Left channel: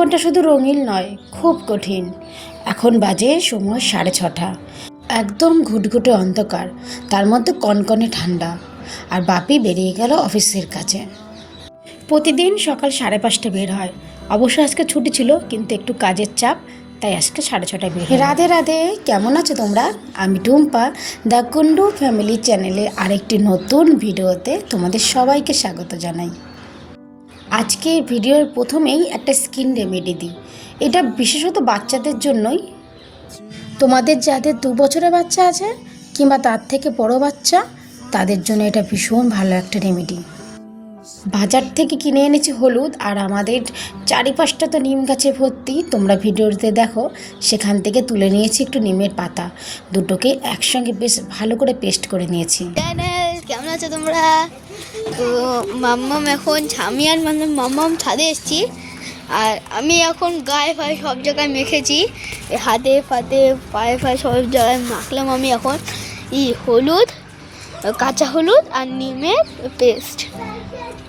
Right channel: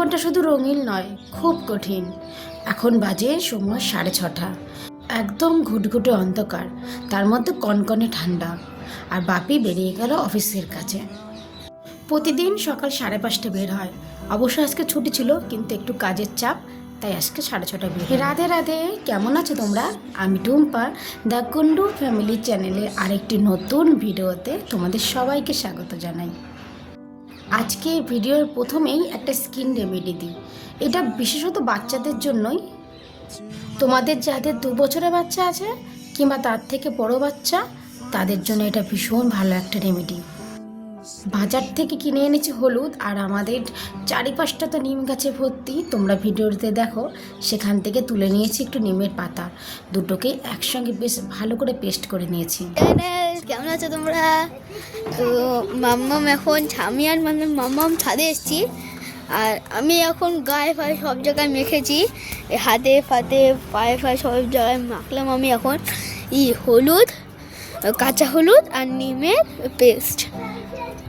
জীবনটা শুধু রঙিন নয়, খুব কঠিন। এখন বাজে সময় সাড়ে ছটা। একদম ঘুটঘুটে অন্ধকার, তার মধ্যে কনকনে ঠান্ডা। আর বাপি বেরিয়ে গেল অফিসের কাছে। প্রতিদিন সকাল সাড়ে পাঁচটা বের হয়। অবশ্য আজকে ছুটি ছিল, কিন্তু একটু কাজের চাপ, তাই আজকে সাড়ে ছটায় বের। রাধে রাধে, কেমন আছো তোমরা? আমি টুম্পা, দ্য কুন্ডু ফ্যামিলি চ্যানেলে আরেকটি নতুন ভিডিওতে তোমাদের সবাইকে স্বাগত জানাই। আজকে ভিডিওর প্রথমেই একটা স্কিন রেমেডি দিই। এটা বিশেষত বাচ্চাদের জন্যই। তোমাদের যাদের দু বছরের বাচ্চা আছে কিংবা তার থেকে বড় বাচ্চা, তাদের জন্য এটা ভীষণ ভালো একটা রেমেডি। বাজার থেকে কিনে এনেছি হলুদ আর আমাদের চারিপাশটা তো নিম গাছে ভর্তি। তোমরা ভিডিওতে দেখো, সেখান থেকে তুলে নিয়েছি একটু নিমের পাতা। দুটোকে একসঙ্গে বেশ ভালো করে পেস্ট করে নিয়েছি। কেমন আছো তোমরা? তো মাম্মাম এখন আমি আর মানে মাম্মাম ছাদে এসেছি। আর আমি এখন গায়ে ফায়ে সব জায়গায় মেখেছি। হাতে ফাতে পায়ে ফায়ে সব জায়গায় মাখলাম আমি এখন। ই হলুদ কাঁচা হলুদ আর নিমের পেস্ট।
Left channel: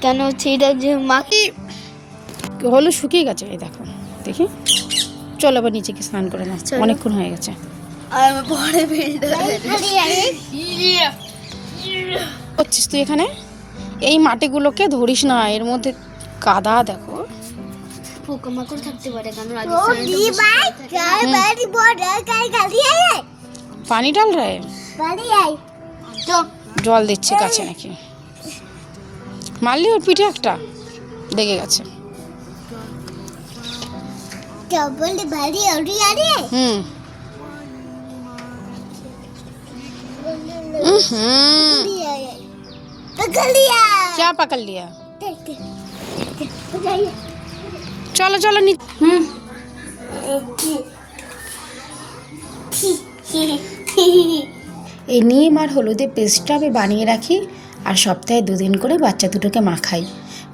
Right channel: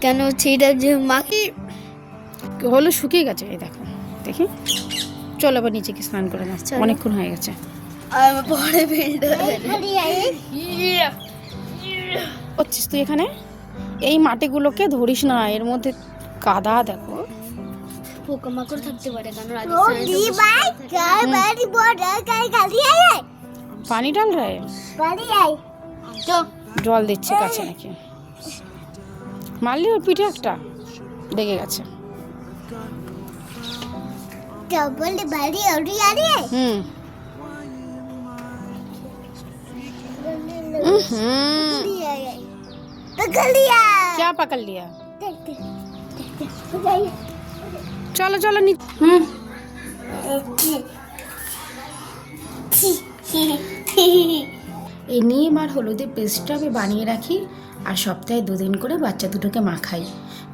কেন হচ্ছে এটা যে মাখি হলুদ শুকিয়ে গেছে? এই দেখো দেখি। চলো আবার নিচে গিয়ে স্নান করে নাও। অনেকক্ষণ হয়ে গেছে। আর পরে ভেজে করছিস তুই এখানে? এই মাটিগুলোকে ধরিস না এর মধ্যে কাদা দেখো। পোকামাকড় থাকতে পারে কারণ পানি ডাল রে। জল দিচ্ছে কাছে নাকি? মারলি ওর পিঠে একটা? লেগে গেছে। হুম। হুম क्या पकड़ लिया चलो चलो नी হুম এই নিম আর হলুদের পেস্টটা আমি বানিয়ে রাখি আর সপ্তাহে দুদিন করে বাচ্চা দুটোকে মাখাই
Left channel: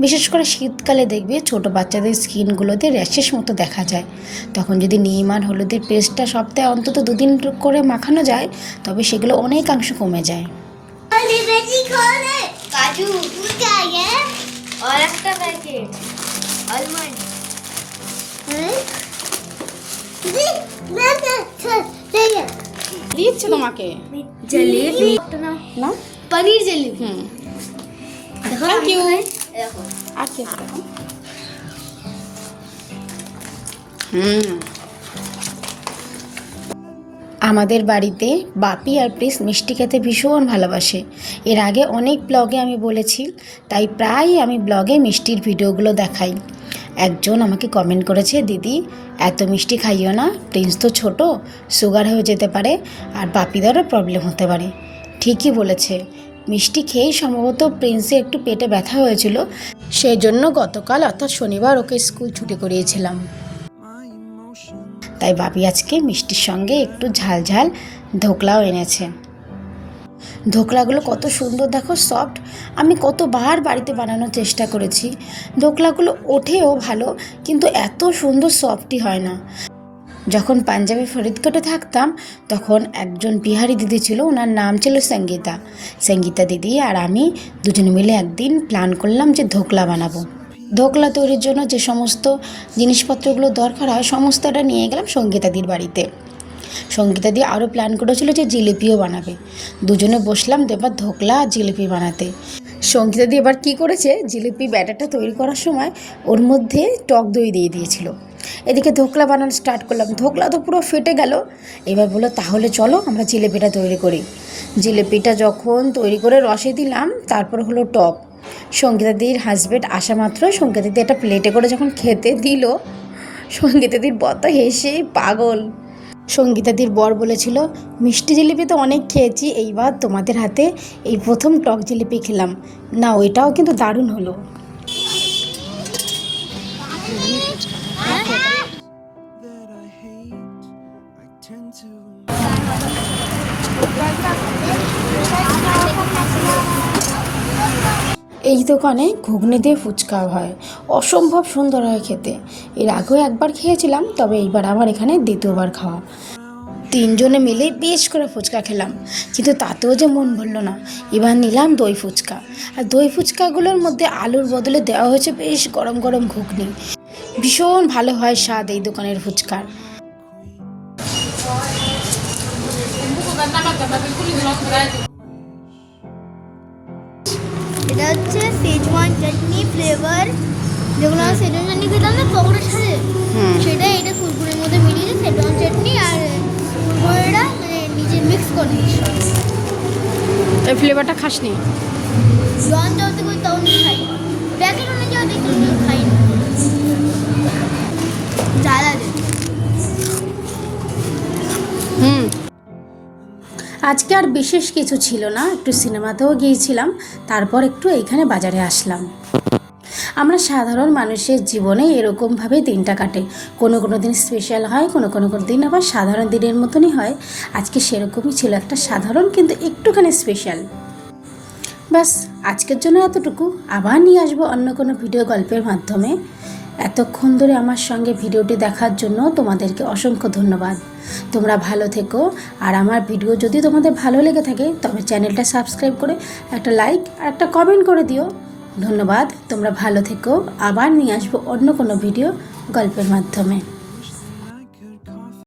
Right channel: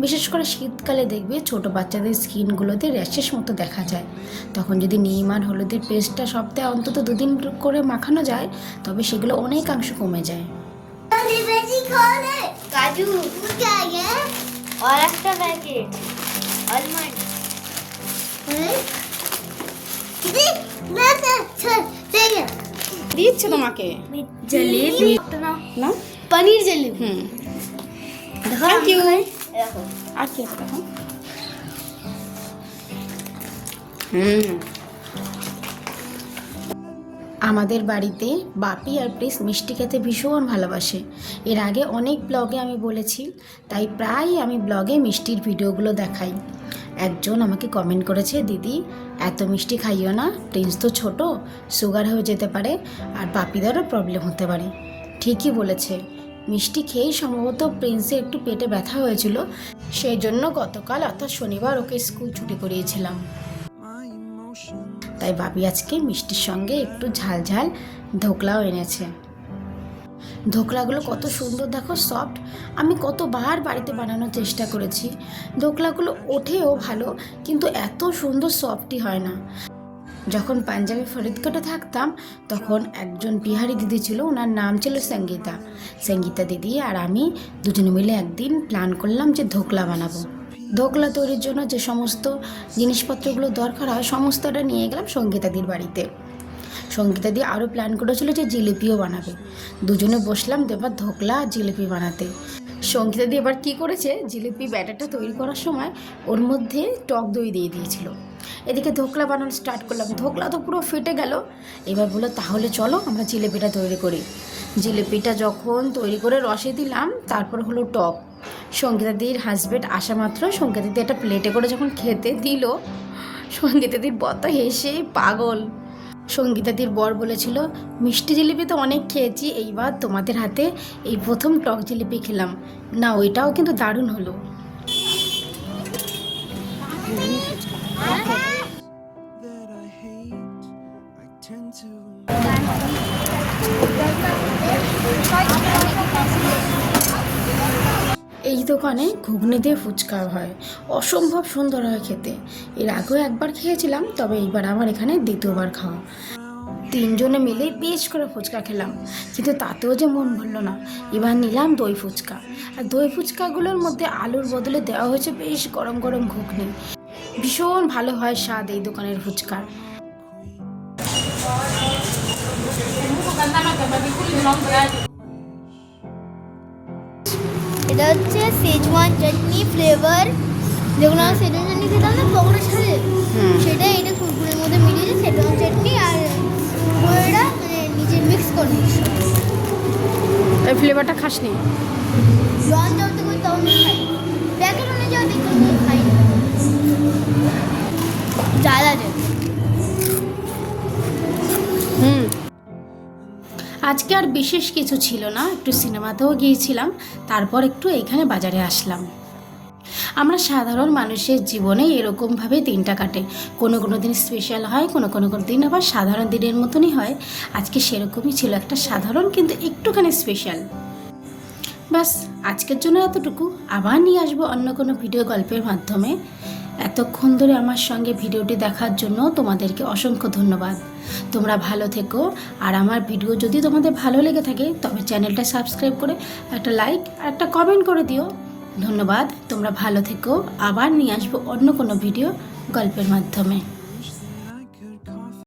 বিশেষ করে শীতকালে দেখবে ছোট বাচ্চাদের স্কিনগুলোতে র্যাশেস মতো দেখা যায় তখন যদি নিম আর হলুদের পেস্টটা সপ্তাহে অন্তত দুদিন করে মাখানো যায় তবে সেগুলো অনেকাংশ কমে যায় কাজু আর একটা প্যাকেট আলমন্ড দিচ্ছে তোমাকে জলেবি না পনির জলেবি হুম দেখো Thank you. দেখো আর কি দেখো হুম আমাদের বাড়িতে বাপি আর প্রিস মিষ্টি খেতে ভীষণ ভালোবাসে। এর আগে অনেক ব্লগে আমি বলেছি, তাই প্রায় আমি ব্লগে মিষ্টির ভিডিওগুলো দেখাই। একজন আমাকে কমেন্ট করেছে, দিদি, এত মিষ্টি খাইও না, প্রিন্স তো ছোট সুগার হয়ে যেতে পারে আর বাপিদারও প্রবলেম হতে পারে। ঠিকই বলেছে। মিষ্টি খেয়েই সম্ভবত প্রিন্সে একটু পেটে ব্যথা হয়েছিল, সেই জন্য গতকাল অর্থাৎ শনিবার ওকে স্কুল ছুটি করিয়েছিলাম। তাই বাপি আজকে মিষ্টির সঙ্গে একটু ঝাল ঝাল ধোকলাও এনেছে। ধোকলাগুলো কত সুন্দর দেখো সফট আমি কতবার বাড়িতে বানানোর চেষ্টা করেছি। ধোকলাগুলো ওঠেও ভালো, কিন্তু এত সুন্দর সফটই হয় না। যখন পাঞ্জাবি ফরিদকোটে থাকতাম, তখন একজন বিহারি দিদি ছিল, ওনার নাম ছিল সঙ্গীতা। সঙ্গীতা দিদি আর আমি দুজনে মিলে একদিন প্ল্যান করলাম যে ধোকলা বানাবো। ধোকলা তৈরির জন্য যে সমস্ত জিনিসপত্রগুলো দরকার হয়, সমস্তটা নিয়ে গেলাম সঙ্গীতাদির বাড়িতে। সঙ্গীতা দিয়ে আরও প্ল্যান করেছিল যে জিলিপিও বানাবে। দুজনে বসলাম তো এবার ধোকলা আর জিলিপি বানাতে। সঙ্গীতা দিয়ে এবার কী করেছে, জিলিপি ব্যাটারটা তৈরি করার সময় ওর মধ্যে টক দই দিয়ে দিয়েছিল। এদিকে ধোকলা বানানো স্টার্ট করলাম। ধোকলা তো পুরো ফেটে গেল। এবার বলল, তাহলে চলো আমরা জিলিপিটা তৈরি করি। জিলিপিটা যখন তৈরি করে রসে দিলাম, তারপর হলো টক। সঙ্গীতাদির হাজব্যান্ড আসা মাত্র। সঙ্গীতাদি একটা প্লেটে করে যখন খেতে দিল, সঙ্গীতাদির বত হেসে পাগল। সঙ্গীতাদির বর বলেছিল, মিষ্টি জিলিপি তো অনেক খেয়েছি, এইবার তোমাদের হাতে এই প্রথম টক জিলিপি খেলাম। না ওইটাও কিন্তু দারুণ হলো। এই দোকানে ঘুগনি দিয়ে ফুচকা হয়। অসম্ভব সুন্দর হয় খেতে। এর আগেও একবার খেয়েছিলাম, তবে এইবার আবার এখানে দ্বিতীয়বার খাওয়া। তিনজনে মিলে বেশ করে ফুচকা খেলাম, কিন্তু তাতেও যে মন ভরলো না। এবার নিলাম দই ফুচকা। আর দই ফুচকাগুলোর মধ্যে আলুর বদলে দেওয়া হয়েছে বেশ গরম গরম ঘুগনি। ভীষণ ভালো হয় স্বাদ এই দোকানের ফুচকা এটা হচ্ছে সেজওয়ান চাটনি ফ্লেভার যেগুলো আমরা সেজওয়ান চাটনি খেতাম না পকোড়ার সাথে। সেটা এটা কুরকুরের মধ্যে মিলিয়ে সেজওয়ান চাটনি আর কুরকুরেটা মানে নিজে মিক্স করে এই ফ্লেভারটা খাসনি? লঞ্চ আজকে আর বিশেষ কিছু ছিল না, একটু সিনেমাতেও গিয়েছিলাম, তারপর একটু এখানে বাজারে আসলাম। আমরা সাধারণ মানুষের জীবনে এরকমভাবে দিনটা কাটে। কোনো কোনো দিন স্পেশাল হয়, কোনো কোনো কোনো দিন আবার সাধারণ দিনের মতনই হয়। আজকে সেরকমই ছিল একটা সাধারণ কিন্তু একটুখানি স্পেশাল ব্যাস, আজকের জন্য এতটুকু। আবার নিয়ে আসব অন্য কোনো ভিডিও গল্পের মাধ্যমে। এতক্ষণ ধরে আমার সঙ্গে ভিডিওটি দেখার জন্য তোমাদেরকে অসংখ্য ধন্যবাদ। তোমরা ভালো থেকো। আর আমার ভিডিও যদি তোমাদের ভালো লেগে থাকে, তবে চ্যানেলটা সাবস্ক্রাইব করে একটা লাইক আর একটা কমেন্ট করে দিও। ধন্যবাদ, তোমরা ভালো থেকো। আবার নিয়ে আসব অন্য কোনো ভিডিও গল্পের মাধ্যমে।